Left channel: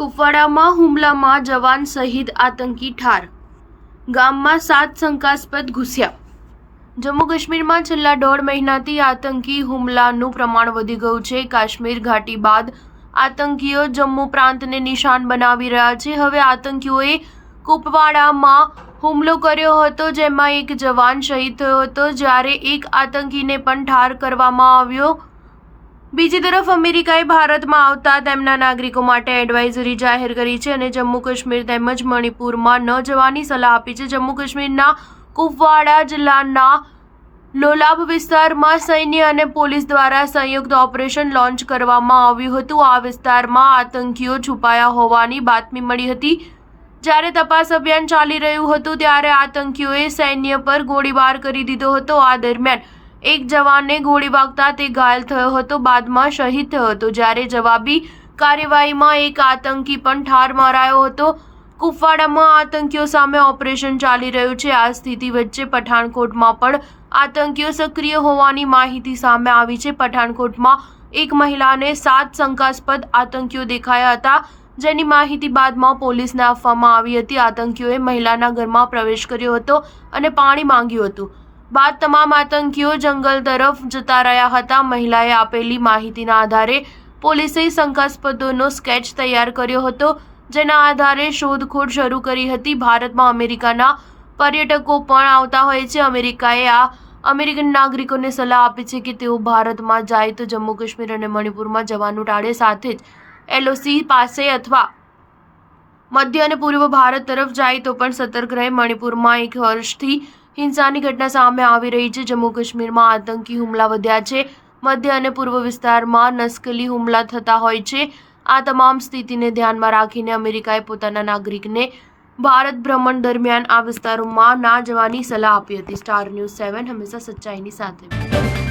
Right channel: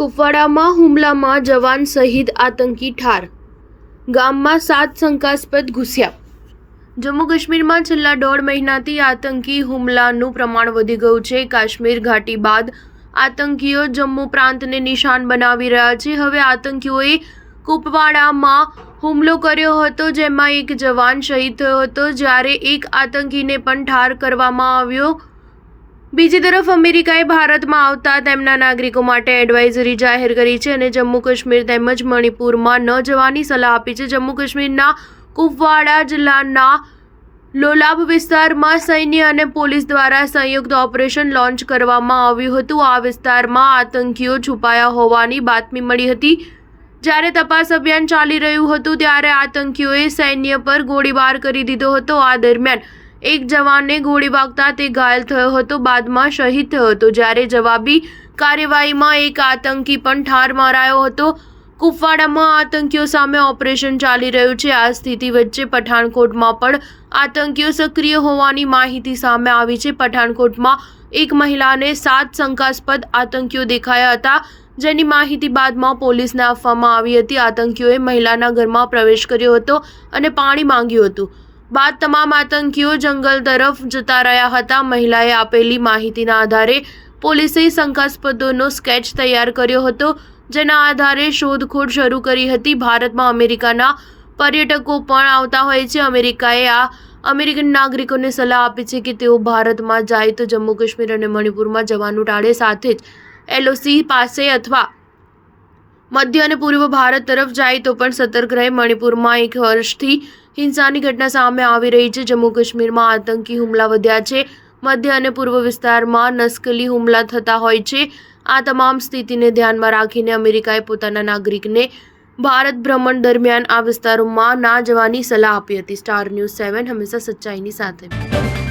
કુપવાડામાં હુમલામાં જવાન શહીદ, આતંકી ઠાર. ગામમાં 7 શંકાસ્પદ ઘૂસ્યા. જમ્મુ કાશ્મીરમાં છેલ્લા 1.5 મહિનાથી આતંકી હુમલાનું પ્રમાણ વધી ગયું છે. કાશ્મીર ઘાટી બાદ આતંકીઓ જમ્મુ પ્રાંતને નિશાન બનાવી રહ્યા છે. હવે આતંકીઓએ કુપવાડામાં હુમલો કર્યો હતો, જેમાં એક જવાન શહીદ થયો હતો, જ્યારે એક આતંકીને પણ ઠાર કરવામાં આવ્યો. બીજી તરફ અમેરિકાએ ભારતમાં આવતા તેમના નાગરિકો માટે એડવાઇઝરી જાહેર કરી છે અને જમ્મુ કાશ્મીર તેમજ મણિપુરમાં ન જવાની સલાહ આપી છે. જમ્મુ કાશ્મીરના કુપવાડા જિલ્લાના લોલાબ વિસ્તારમાં સૈન્ય અને પોલીસ દ્વારા સંયુક્ત ઓપરેશન લોન્ચ કરવામાં આવ્યું હતું. આ વિસ્તારમાં આતંકીઓ છુપાયા હોવાની બાતમી મળી હતી. જ્યારે તપાસ અભિયાન ચાલી રહ્યું હતું ત્યારે આતંકીઓએ સૈન્ય પર ગોળીબાર કરી દીધો હતો. આ દરમિયાન એક જવાનને ગોળી વાગતા તે ઘાયલ થયો હતો, બાદમાં શહીદ થયો હતો, જ્યારે જવાબી કાર્યવાહીમાં એક આતંકી પણ ઠાર મરાયો હતો. કુપવાડામાં આતંકીઓ સામે ઓપરેશન ચાલી રહ્યું છે. આ સ્થિતિ વચ્ચે પઠાણકોટમાં પણ આતંકીઓ સક્રિય હોવાની માહિતી સામે આવી છે. પઠાણકોટમાં એક મહિલાને 7 શંકાસ્પદ આતંકીઓ દેખાયા હતા, જેની માહિતી બાદમાં પોલીસને આપવામાં આવી હતી. આતંકીઓએ મહિલાના ઘરમાં પ્રવેશ કર્યો હતો અને પાણી માંગ્યું હતું. બાદ તમામ આતંકીઓ જંગલ તરફ જતા રહ્યા હતા. મહિલાએ આપેલી માહિતીના આધારે પોલીસે શંકાસ્પદોનો સ્કેચ તૈયાર કર્યો હતો, જેના આધારે શોધખોળ શરૂ કરી હતી. ભારતમાં અમેરિકાના પર્યટકો પણ આવતા હોય છે. અમેરિકાએ અમેરિકન નાગરિકોને સલાહ આપી છે કે તેઓ ભારતમાં જાય તો જમ્મુ કાશ્મીર અને મણિપુરમાં જવાનું ટાળે. સાથે જ LOC પાસે અથવા મધ્ય અને પૂર્વ ભારત તરફ જાય તો પણ સતર્ક રહે. મણિપુરમાં 1 વર્ષથી હિંસાની ઘટના સામે આવી રહી છે. જમ્મુ કાશ્મીરમાં આતંકી હુમલા વધ્યા છે. મધ્ય અને પૂર્વ વિસ્તારમાં નસ્કલી હુમલા થતા હોય છે. આ તમામ સ્થિતિને ધ્યાનમાં રાખીને અમેરિકાએ પોતાના નાગરિકને ભારત ભ્રમણ દરમિયાન આ વિસ્તારોમાં ના જવાની સલાહ આપી હતી. સ્ટાર ન્યૂઝ 7 હંમેશા સચ્ચાઈની સાથે.